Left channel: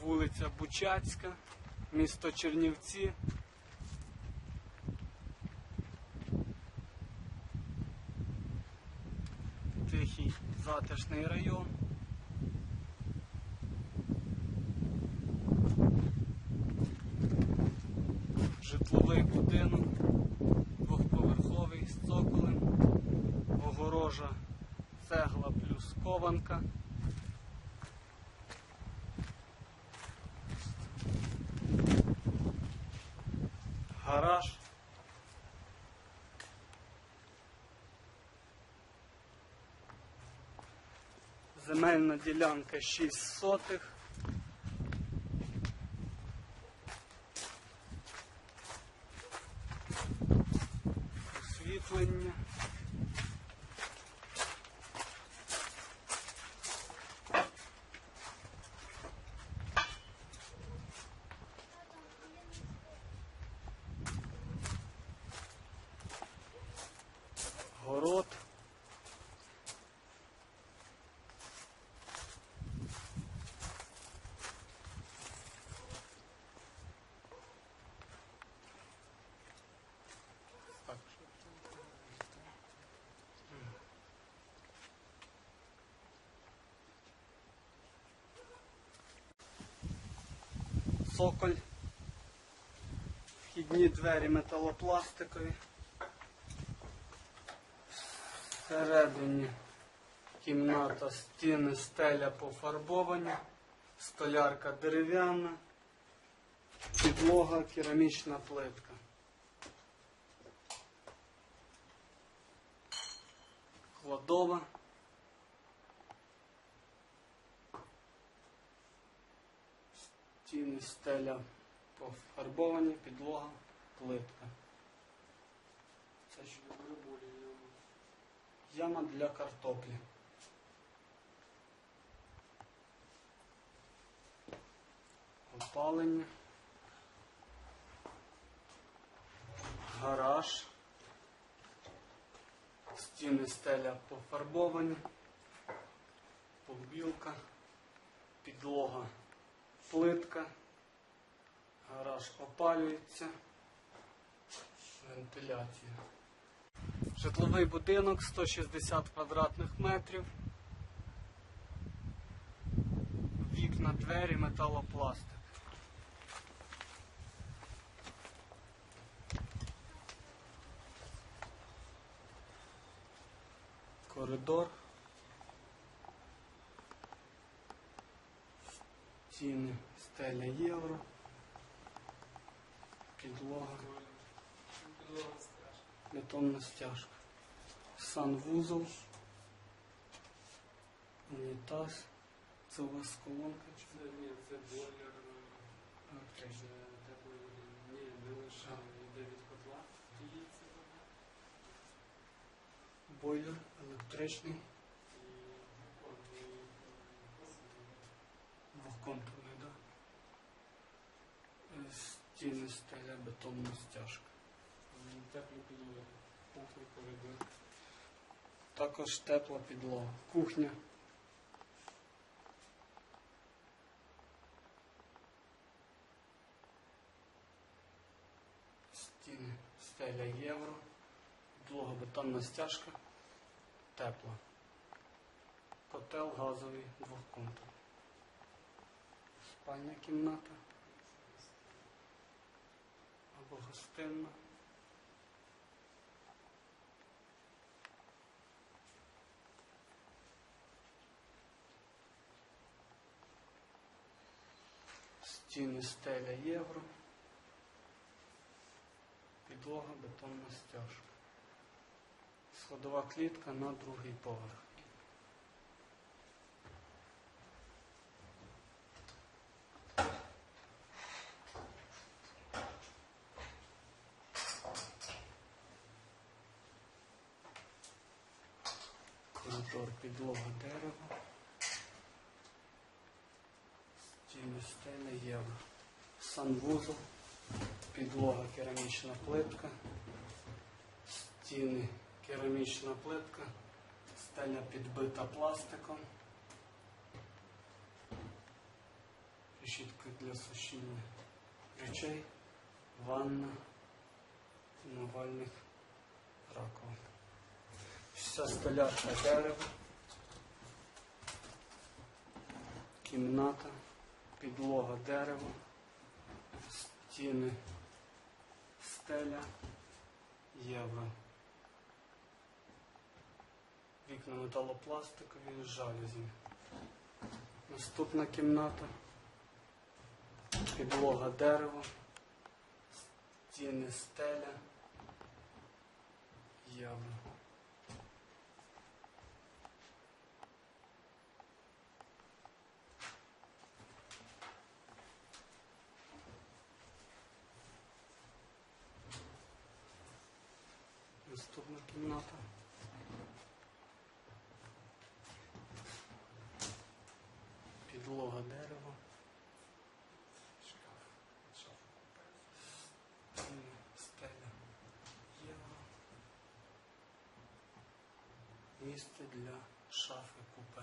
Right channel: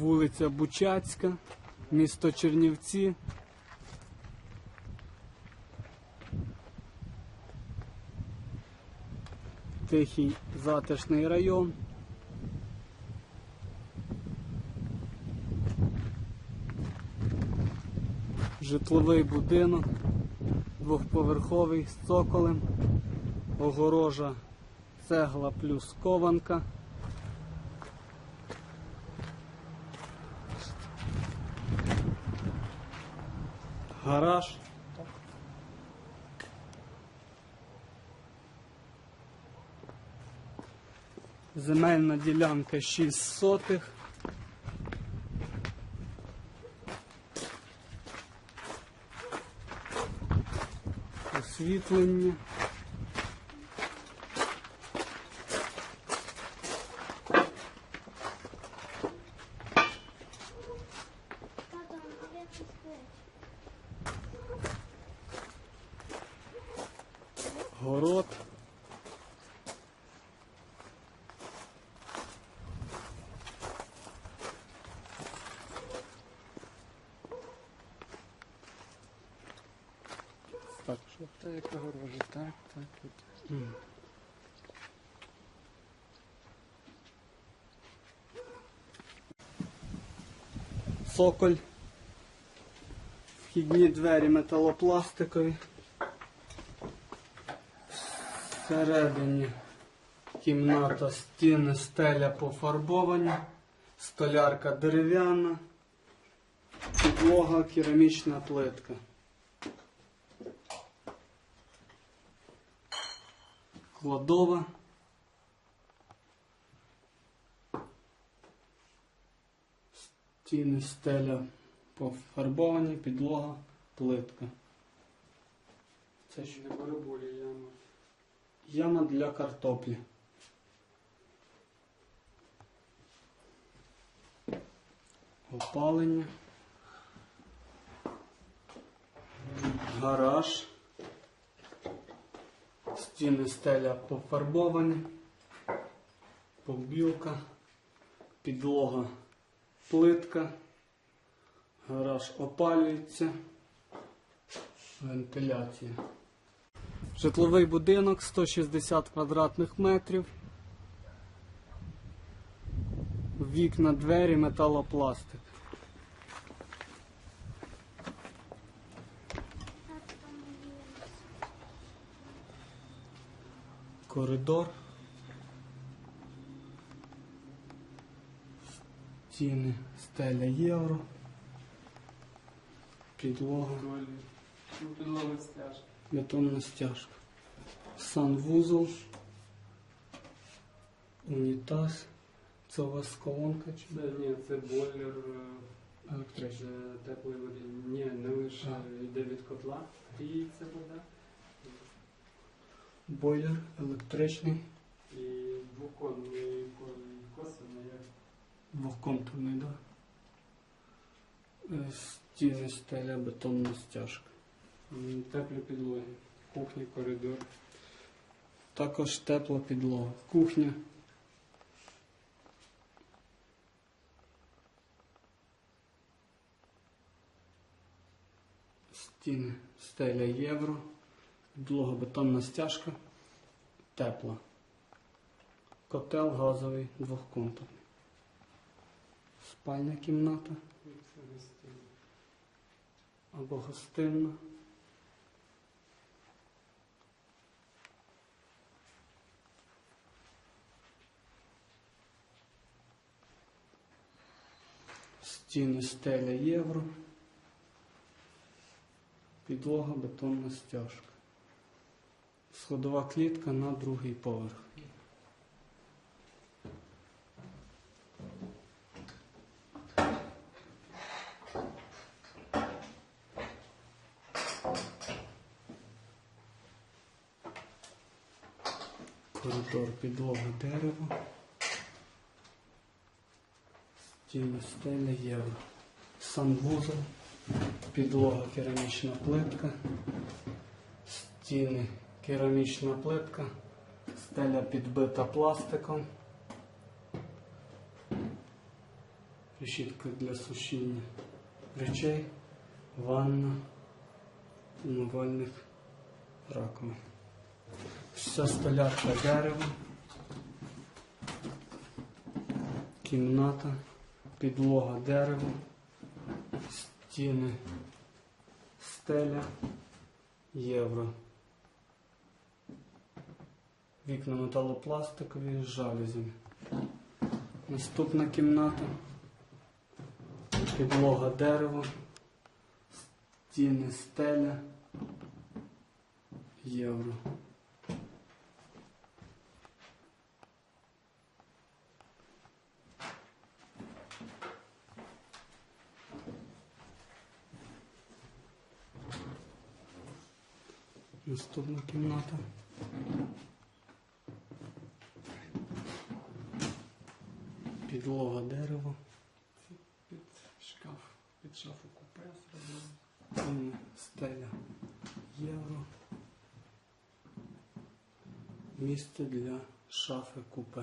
вулиця Бучацька, місто Чернівці. Тихий затишний район. Житловий будинок, двохповерховий з цоколем, огорожа цегла плюс кованка. Гараж. Земельна ділянка 6 сотих. Освітлення. Та як огорожі, так, так. Тут. М. Цоколь. Вхідні двері металопластикові. Всередині кімната, стіни, стеля пофарбовані, столярка дерев'яна, підлога, керамічна плитка. Кладова. Стіни стеля пофарбовані, підлога, плитка. Це що? Не бараболі яма. Яма для картоплі. Опалення. Гараж. Стіни стеля пофарбовані. Побілка. Підлога плитка. Гараж опалюється. Вентиляція. Житловий будинок 160 квадратних метрів. Вікна, двері, металопластик. Коридор. Стіни, стеля євро. Підлога. Ну, підлога стяжка. Бетонна стяжка. Санвузол. Унітаз. Це у вас колонка чи Це, ні, це бойлер е, електрична? з теплої води. Ні, не лише йде від котла, гріється вода. Бойлер електричний, І двоконний косимо, як двохконтурний, да? Е, Стіни, стеля, бетонна стяжка. теплі підлоги. Кухня, коридор. Також тепла підлога. Кухня. Стіни, стеля євро. Підлога, бетонна стяжка. Тепла. Котел газовий двохконтурний. Спальня кімната або гостинна. Стіни стеля євро. Підлога бетонна стяжка. Сходова клітка на другий поверх. Коридор підлога дерево. Стіни стеля євро. Санвузол. Підлога керамічна плитка. Стіни керамічна плитка. Стеля підбита пластиком. решітка для сушіння речей, ванна, умивальник, раковин. Вся столярка дерева, кімната, підлога дерева, стіни, стеля, євро. Вікна металопластикові з жалюзями. Наступна кімната. Підлога дерево. Стіни стеля. Євро. Наступна кімната. Підлога дерево. Під шкаф, під шафу купе зробили. Стіни, стеля, євро. Місце для шафи купе.